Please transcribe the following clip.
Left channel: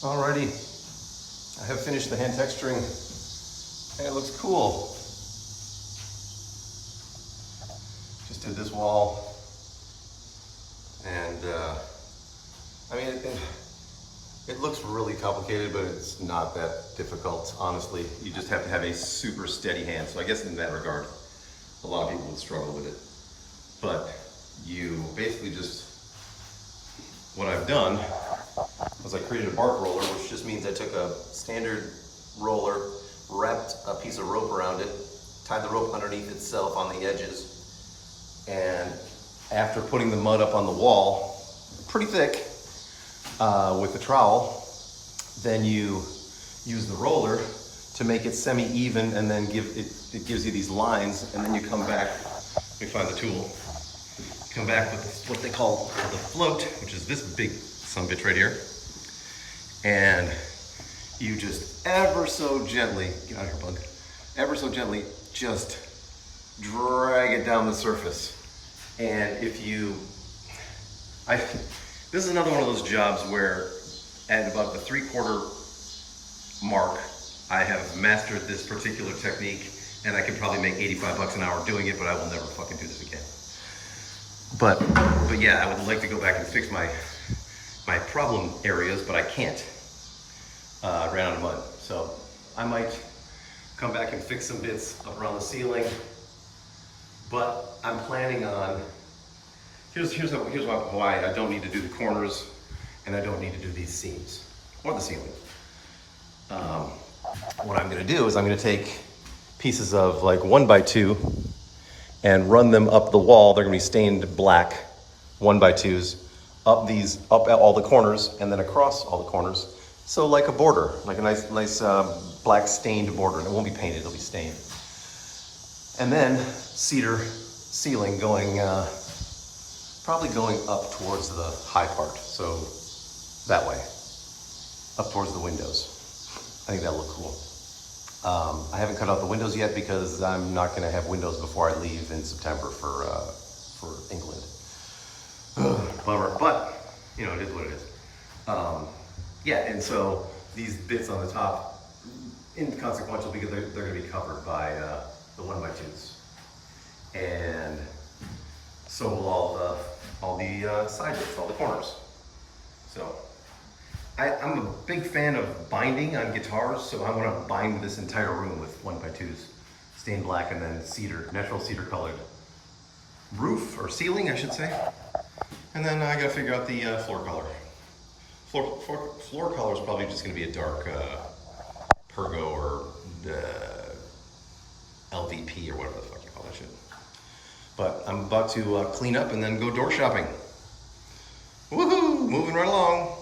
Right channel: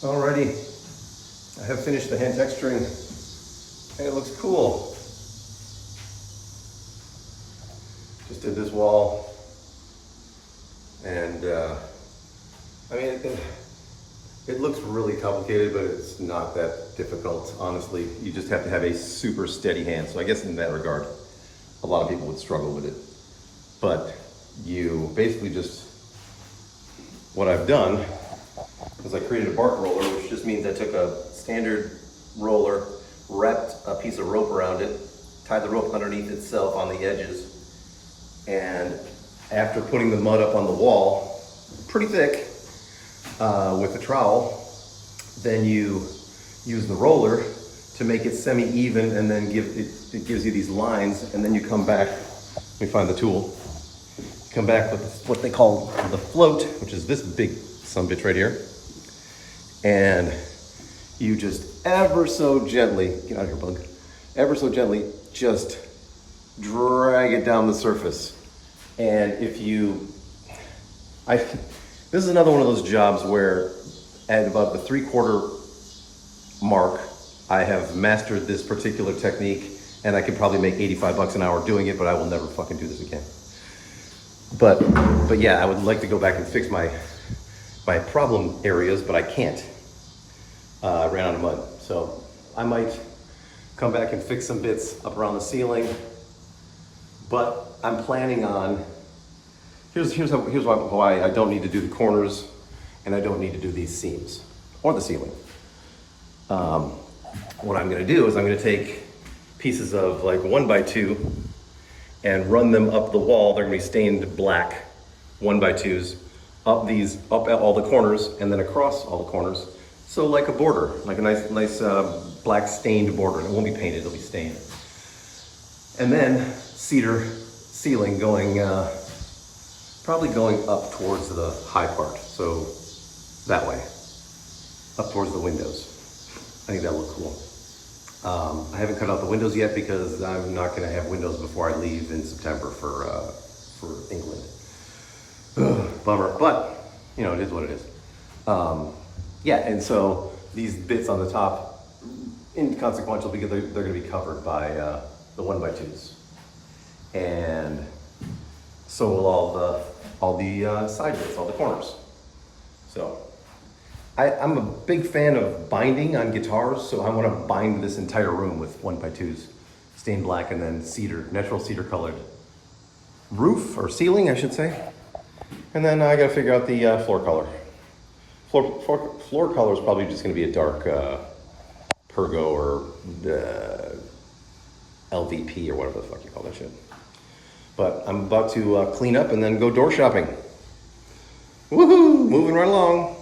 Alrighty, I have finished the hand texturing and it looks cool. Just did this wall and I mean, it looks really complicated, but it's not that difficult, honestly. You just have to have a super steady hand. So I guess in that regard, a lot of people would struggle with it. But you basically just, what I've done is I created a bark roller, which just means I took a standard roller, wrapped a piece of rope around it, tied the rope underneath itself on the edges, and after putting the mud up on the wall, pretty thick, with the trowel, then you use the roller to make it semi-even, and then it gives you these lines, and then you come back, let me find the tool, come back with what they call the float, which is this big sumbitch right here, and you just ever so gently, get out of here bug, ever so gently just drag it down the surface. And if you, this is another one of those jobs where at about the 3/4 mark, I have mastered this particular technique and I could probably make 85 bucks an hour doing it, but I will never fucking do this again. But yeah, I would like to go back and fix my problem areas, but I can't. I ran out of mud. So I might come back and fix some bits up around the ceiling, but I'm planning on, here's why I don't need to do the corners and I don't need to do these seams or the ceiling. What I'm gonna do is I'm gonna take pieces of like 1x2 and run them up the wall. They're gonna be stained black 1x2s, up all the corners and then across all the corners. So like a border, like a nice black stained border. And it won't be painted, it'll be stained. And then cedar ceiling going, probably going up towards the high part. So that way, up towards the windows. I think that'll look cool. I haven't cut out the windows yet because I'm not gonna have windows before I leave in September for England. Ugh, bummer, but you know, it is what it is. Yeah, and so these bits on the top, inconsequential because they're gonna be covered by the 1x2s. And so will all the side bits, all the corners. So I'm a big fan of binding on guitars, so I want to bind this entire room with 1x2s, stained black, and then cedar, natural cedar colored roof or ceiling, I should say. And then I got to figure out the floor color. Floor color is probably just going to be a dark Pergo or LVP or whatever the fuck you call that shit. But I'm about to clean up and then go door shopping. Woohoo! Moving right along.